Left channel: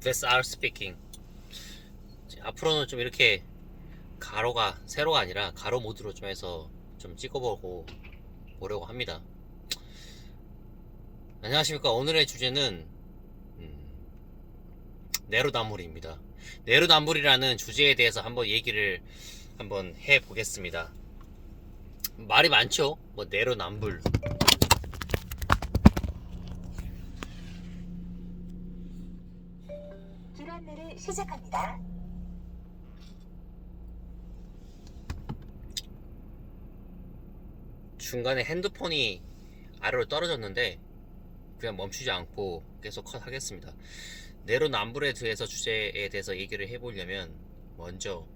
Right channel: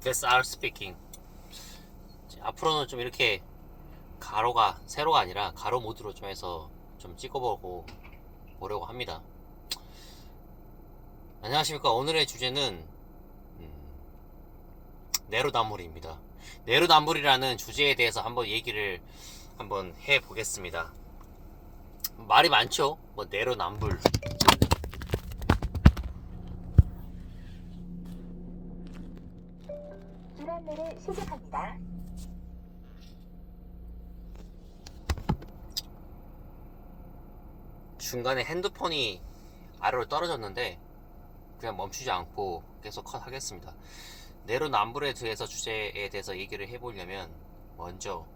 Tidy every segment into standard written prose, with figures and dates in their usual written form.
That's our speaking. 앞으로는 좀 이렇게 세로가 아니라 가로 모드로 좀 해서 좀 보려고 합니다. 안녕하십니까. 오늘의 주제는 내로남불입니다. 내로남불이라는 주제에 대해서 한번 해보겠습니다. 말이 많죠? 뭐 내로남불. 길 안내를 시작합니다. 중간에 핸드폰이 아래로 떨어졌는데 그냥 멈추지 않고 계속 컷 하겠습니다. 내로남불에 대해서 주제에 대해서 얘기를 해보려면 먼저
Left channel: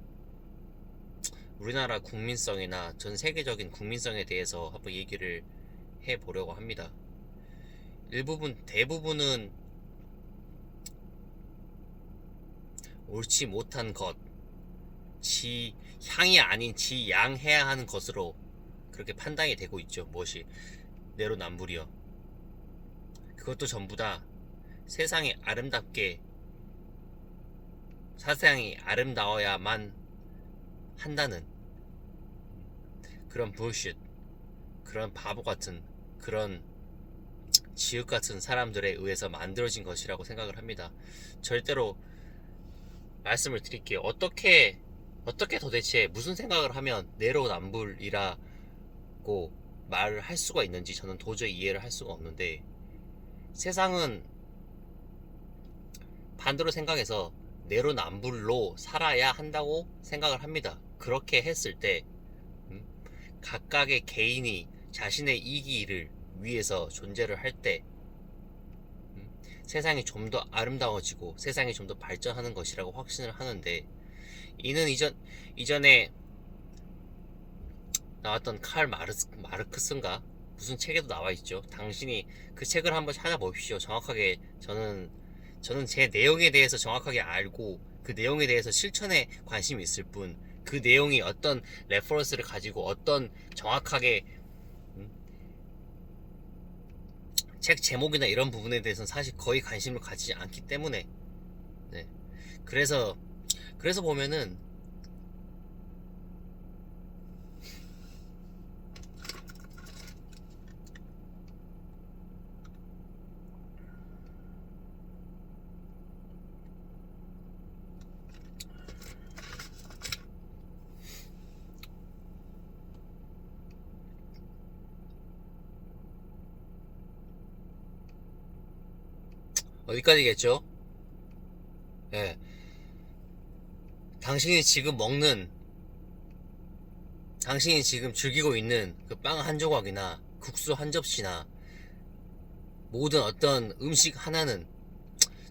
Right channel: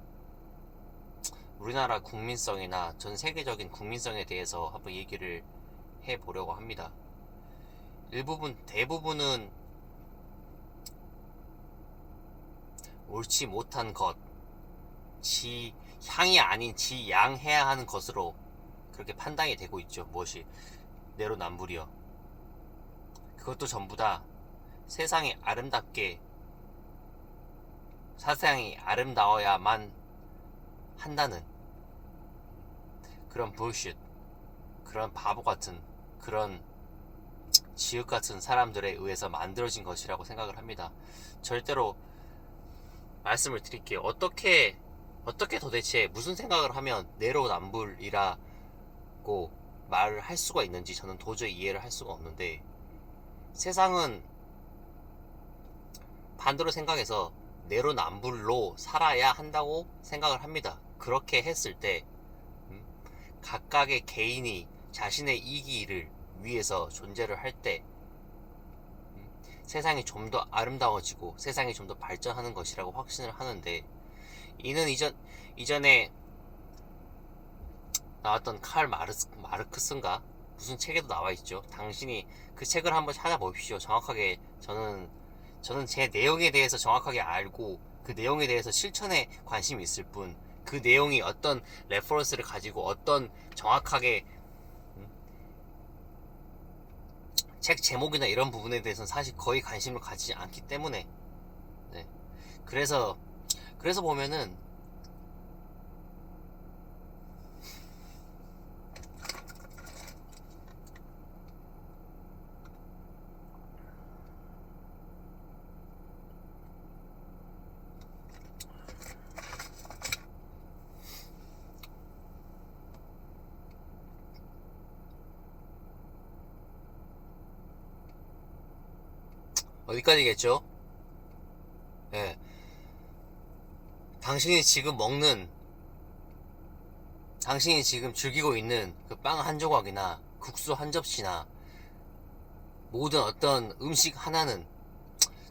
우리나라 국민성이나 전 세계적인 국민성에 대해서 한번 얘기를 해보려고 합니다. 대부분은 옳지 못한 것, 지 향이 아닌 지 양해야 하는 것으로 그렇게 판단이 되고 있죠. 무엇이 내로남불이요. 그것도 전부 다 세상이 아름다워야만 한다는 그런 bullshit, 그런 바보 같은, 그런 지읒 같은 사람들에 의해서 만들어진 것이라고 생각을 합니다. 절대로 말씀을 드릴게요. 어떻게 도대체 무슨 생각을 하면 내로남불이라고 말을 할 수가 있는지 저는 도저히 이해를 할 수가 없는데, 세상은 반대로 생각해서 내로남불로 살아야 한다고 생각을 합니다. 그렇게 했을 때 각각의 개인이 자신의 이기를 위해서 존재를 할 때 세상이 좀 더 아름다워지고 세상이 좀 더 발전하는 것이라고 확신을 하는데, 이는 이전에 나왔던 마르크스인가 무슨 책에도 나와 있죠. 당신이 그 책을 한번 찾아보십시오. 정확하게 저는 제 내용에 대해서 정확하게 알고 그 내용에 대해서 실천에 관심이 있을 뿐, 그 내용이 어떤 레퍼런스를 가지고 어떤 정확하게 책 제목이나 이런 부분에 대해서는 사실 거의 관심을 가지지 않기 때문에, 네. 그래서 보면은 어디까지겠죠? 예. 당신이 지금 즐기고 있는 그 빵 한 조각이나 국수 한 접시나 모든 어떤 음식 하나는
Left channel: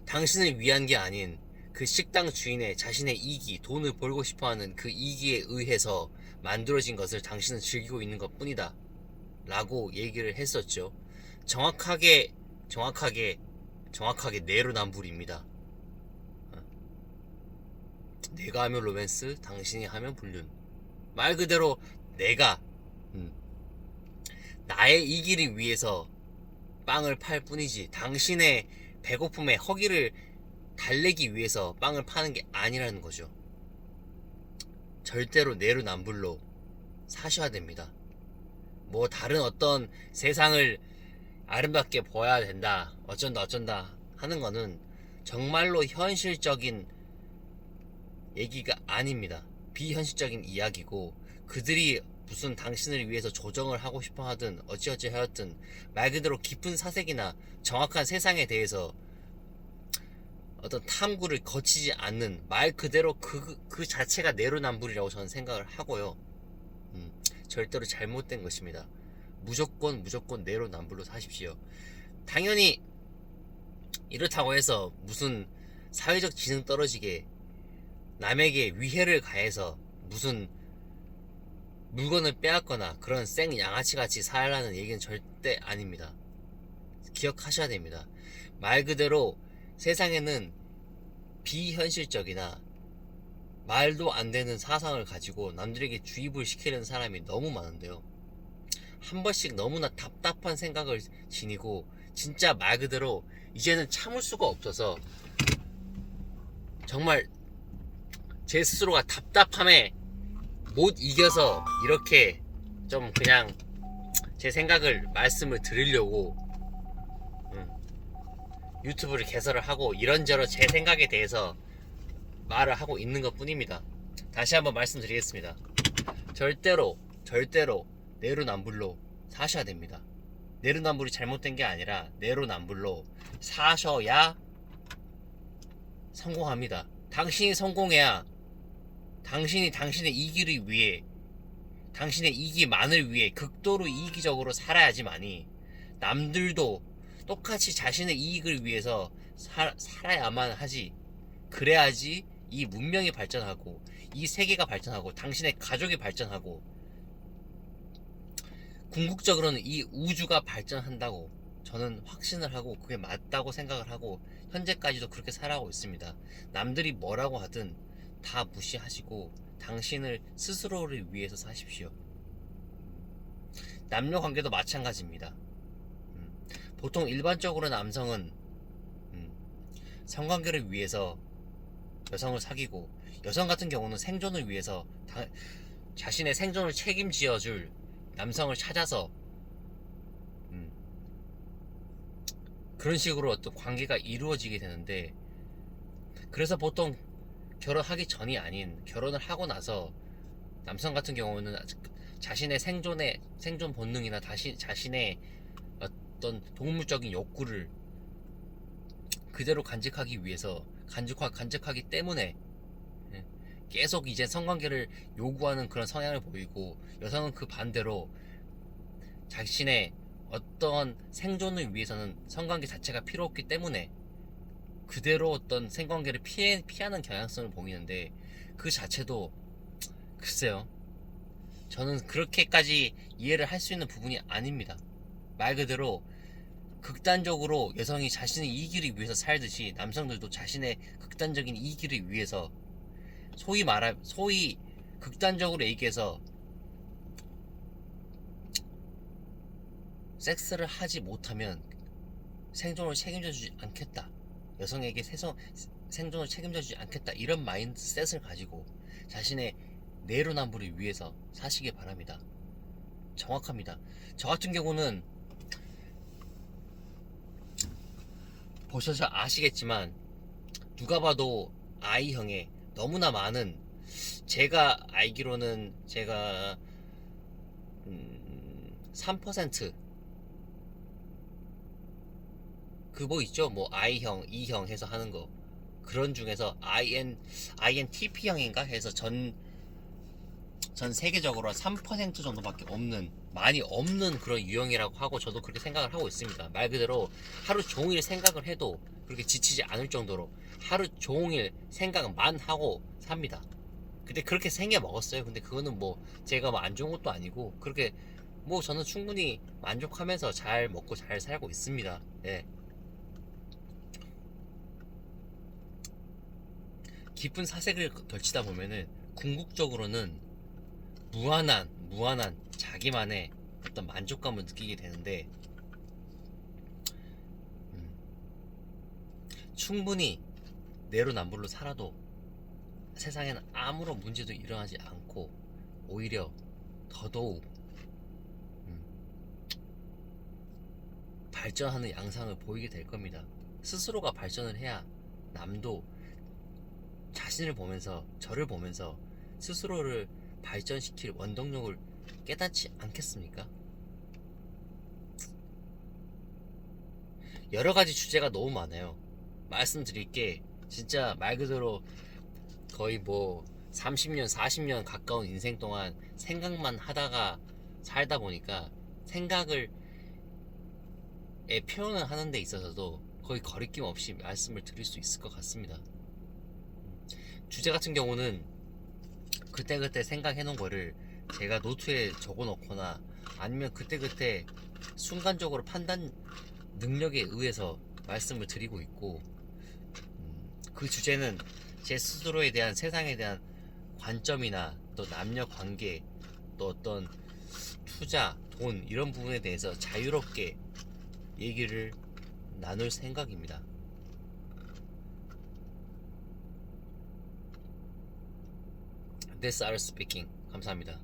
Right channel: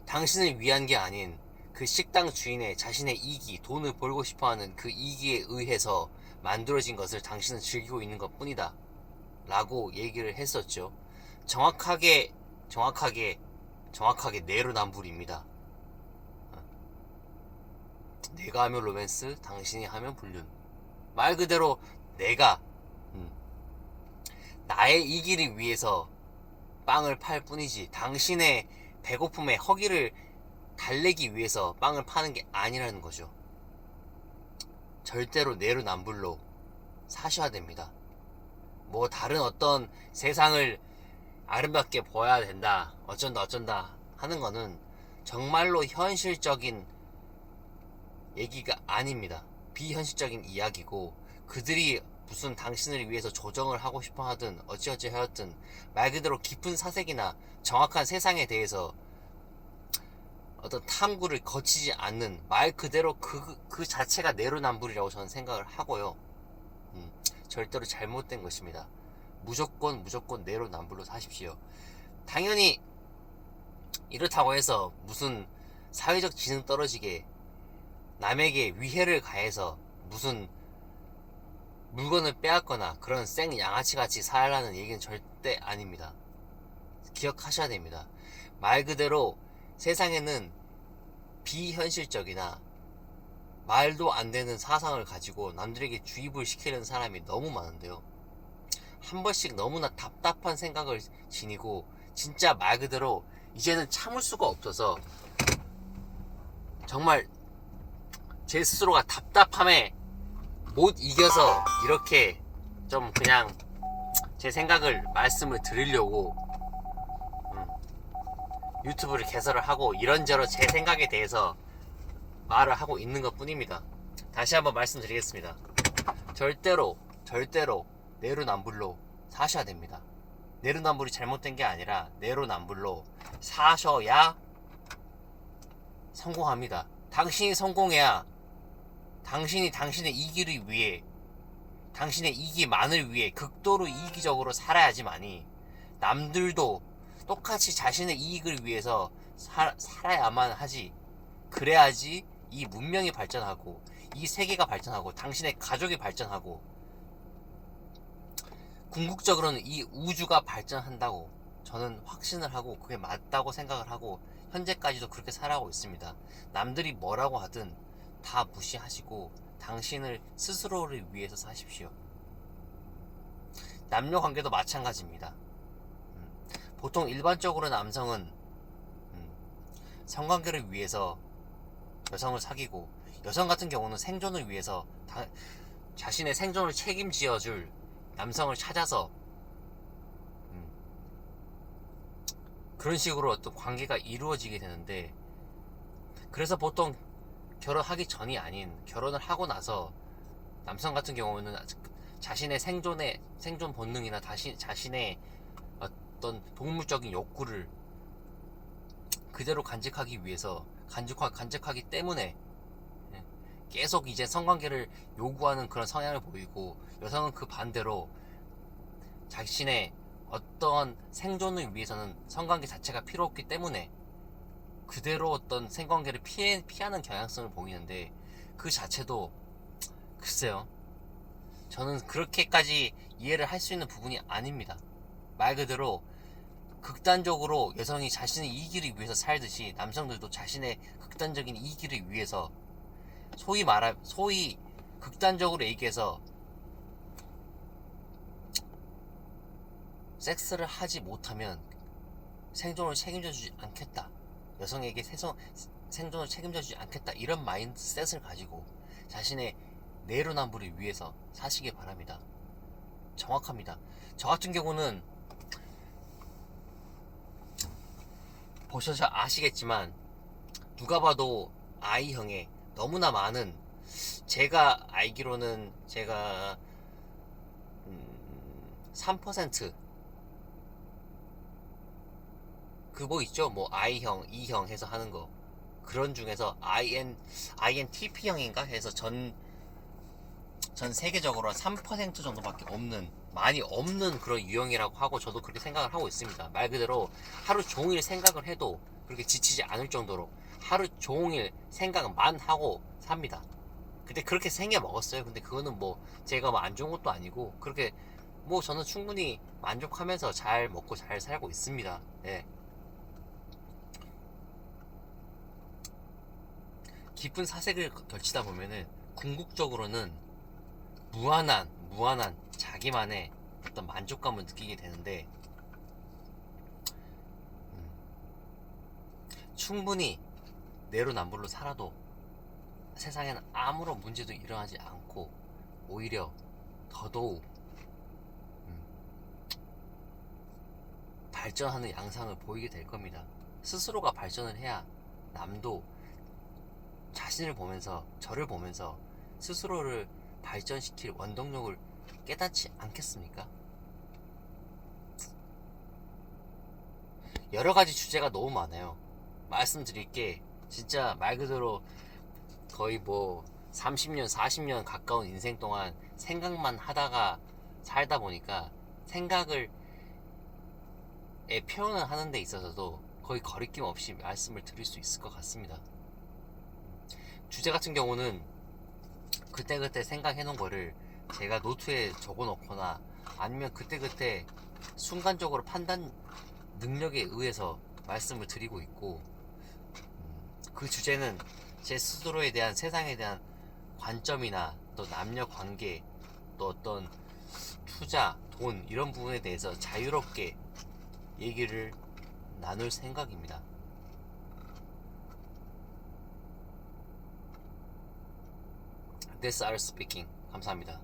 당신을 위한 게 아닌 그 식당 주인의 자신의 이기, 돈을 벌고 싶어하는 그 이기에 의해서 만들어진 것을 당신은 즐기고 있는 것 뿐이다 라고 얘기를 했었죠. 정확하게 내로남불입니다. 내가 하면 로맨스, 당신이 하면 불륜. 말 그대로 내가 나의 이기를 위해서 빵을 팔 뿐이지 당신의 배고픔에 허기를 달래기 위해서 빵을 파는 게 아니라는 거죠. 절대로 내로남불로 사셔야 됩니다. 뭐 다른 어떤 세상을 아름답게 보아야 된다, 어쩐다 하는 거는 정말로 현실적인 얘기가 아닙니다. 비현실적인 이야기고, 그들이 무슨 당신을 위해서 조정을 하고 싶어 하든 어찌어찌 하였든 말 그대로 깊은 사색이나 정확한 세상에 대해서 어떤 탐구를 거치지 않는 말 그대로 그 자체가 내로남불이라고 저는 생각을 하고요. 절대로 잘못된 것입니다. 무조건 내로남불로 사십시오. 당연히 이렇다고 해서 무슨 사회적 지능 떨어지게 남에게 위해를 가해서 무슨 물건을 빼앗거나 그런 생 양아치같이 살라는 얘기는 절대 아닙니다. 기억하셔야 됩니다. 말 그대로 세상에는 비현실적이나 말도 안 되는 사상을 가지고 남들에게 주입을 시키는 사람이 너무 많은데요. 한 번씩 너무나 답답한 생각을 지니고 진짜 말 그대로 이제는 참을 수가 없어서 정말 제 스스로가 답답함에 못 이겨서 이렇게 좀 그냥 제 생각을 말씀을 드리려고 유튜브를 개설을 하고 이런저런 제 생각에 대해서 말을 하고 있는 것 뿐입니다. 다시 한번 말씀드리겠습니다. 절대로 내로남불로 사셔야 됩니다. 내로남불이 잘못된 게 아니라 내로남불로 사셔야 성공합니다. 당신이 성공해야 당신이 당신의 이기를 위해, 당신의 이기만을 위해 극도로 이기적으로 살아야지만이 남들도 똑같이 자신의 이익을 위해서 살아야만 하지. 그래야지 이 문명이 발전하고 이 세계가 발전하고 당신의 가족이 발전하고 궁극적으로는 이 우주가 발전한다고 저는 확신을 하고 그게 맞다고 생각을 하고 현재까지도 그렇게 살아가고 있습니다. 남들이 뭐라고 하든 다 무시하시고 당신을 스스로를 위해서 사십시오. 남녀 관계도 마찬가지입니다. 보통 일반적으로 남성은 성관계를 위해서 여성을 사귀고, 여성 같은 경우는 생존을 위해서 자신의 생존을 책임지어줄 남성을 찾아서 그런 식으로 어떤 관계가 이루어지게 되는데, 그래서 보통 결혼하기 전이 아닌 결혼을 하고 나서 남성 같은 경우는 자신의 생존 본능이나 자신의 어떤 동물적인 욕구를 그대로 간직하기 위해서 간직하기 때문에 계속 이제 성관계를 요구하는 그런 성향을 보이고, 여성은 그 반대로 자신의 어떤 생존을 위해서는 성관계 자체가 필요 없기 때문에 그대로 어떤 생관계를 피하는 경향성을 보이는데, 그 자체도 글쎄요, 저는 그렇게까지 이해를 할 수 있는 부분이 아닙니다. 말 그대로 극단적으로 여성이 자신의 이기를 위해서 살듯이 남성들도 자신의 극단적인 이기를 위해서 소위 극단적으로 얘기해서 섹스를 하지 못하면 생존을 책임져주지 않겠다, 여성에게 생존을 책임져주지 않겠다, 이런 마인드셋을 가지고 자신의 내로남불을 위해서 사시길 바랍니다. 정확합니다. 저 같은 경우는 보셔서 아시겠지만 누가 봐도 I형의 너무나 많은, 제가 알기로는 제가 3% 그거 있죠, 뭐 I형, E형 해서 하는 거, 그런 중에서 INTP형인가 해서 전 세계적으로 3% 정도밖에 없는, 많이 없는 그런 유형이라고 하고, 저도 그렇게 생각을 하고 있습니다. 말 그대로 하루 종일 생각을 해도 그렇게 지치지 않을 정도로 하루 종일 생각만 하고 삽니다. 근데 그렇게 생겨 먹었어요. 근데 그거는 뭐 제가 뭐 안 좋은 것도 아니고, 그렇게 뭐 저는 충분히 만족하면서 잘 먹고 잘 살고 있습니다. 예. 깊은 사색을 걸치다 보면은 궁극적으로는 무한한 자기만의 어떤 만족감을 느끼게 되는데, 충분히 내로남불로 살아도 세상에는 아무런 문제도 일어나지 않고 오히려 더더욱 발전하는 양상을 보이게 될 겁니다. 스스로가 발전을 해야 남도 자신을 보면서, 저를 보면서 스스로를 발전시킬 원동력을 깨닫지 않겠습니까? 여러가지 주제가 너무 많아요. 말씀드릴 게 진짜 말 그대로 거의 뭐 30년 40년 가까운 인생 동안 생각만 하다가 살다 보니까 생각을 표현을 하는 데 있어서도 거의 거리낌 없이 말씀을 드릴 수 있을 것 같습니다. 주제 같은 경우는 그때그때 생각해 놓은 거를 제가 노트에 적어 놓거나 아니면 그때그때 순간적으로 판단 능력에 의해서 말씀을 드리고 있고, 그 주제는 제 스스로에 대한, 세상에 대한 관점이나 또 남녀 관계, 또 어떤 투자, 돈, 이런 부분에 대해서 자유롭게 얘기를 나눌 생각입니다. This are speaking. 감사합니다.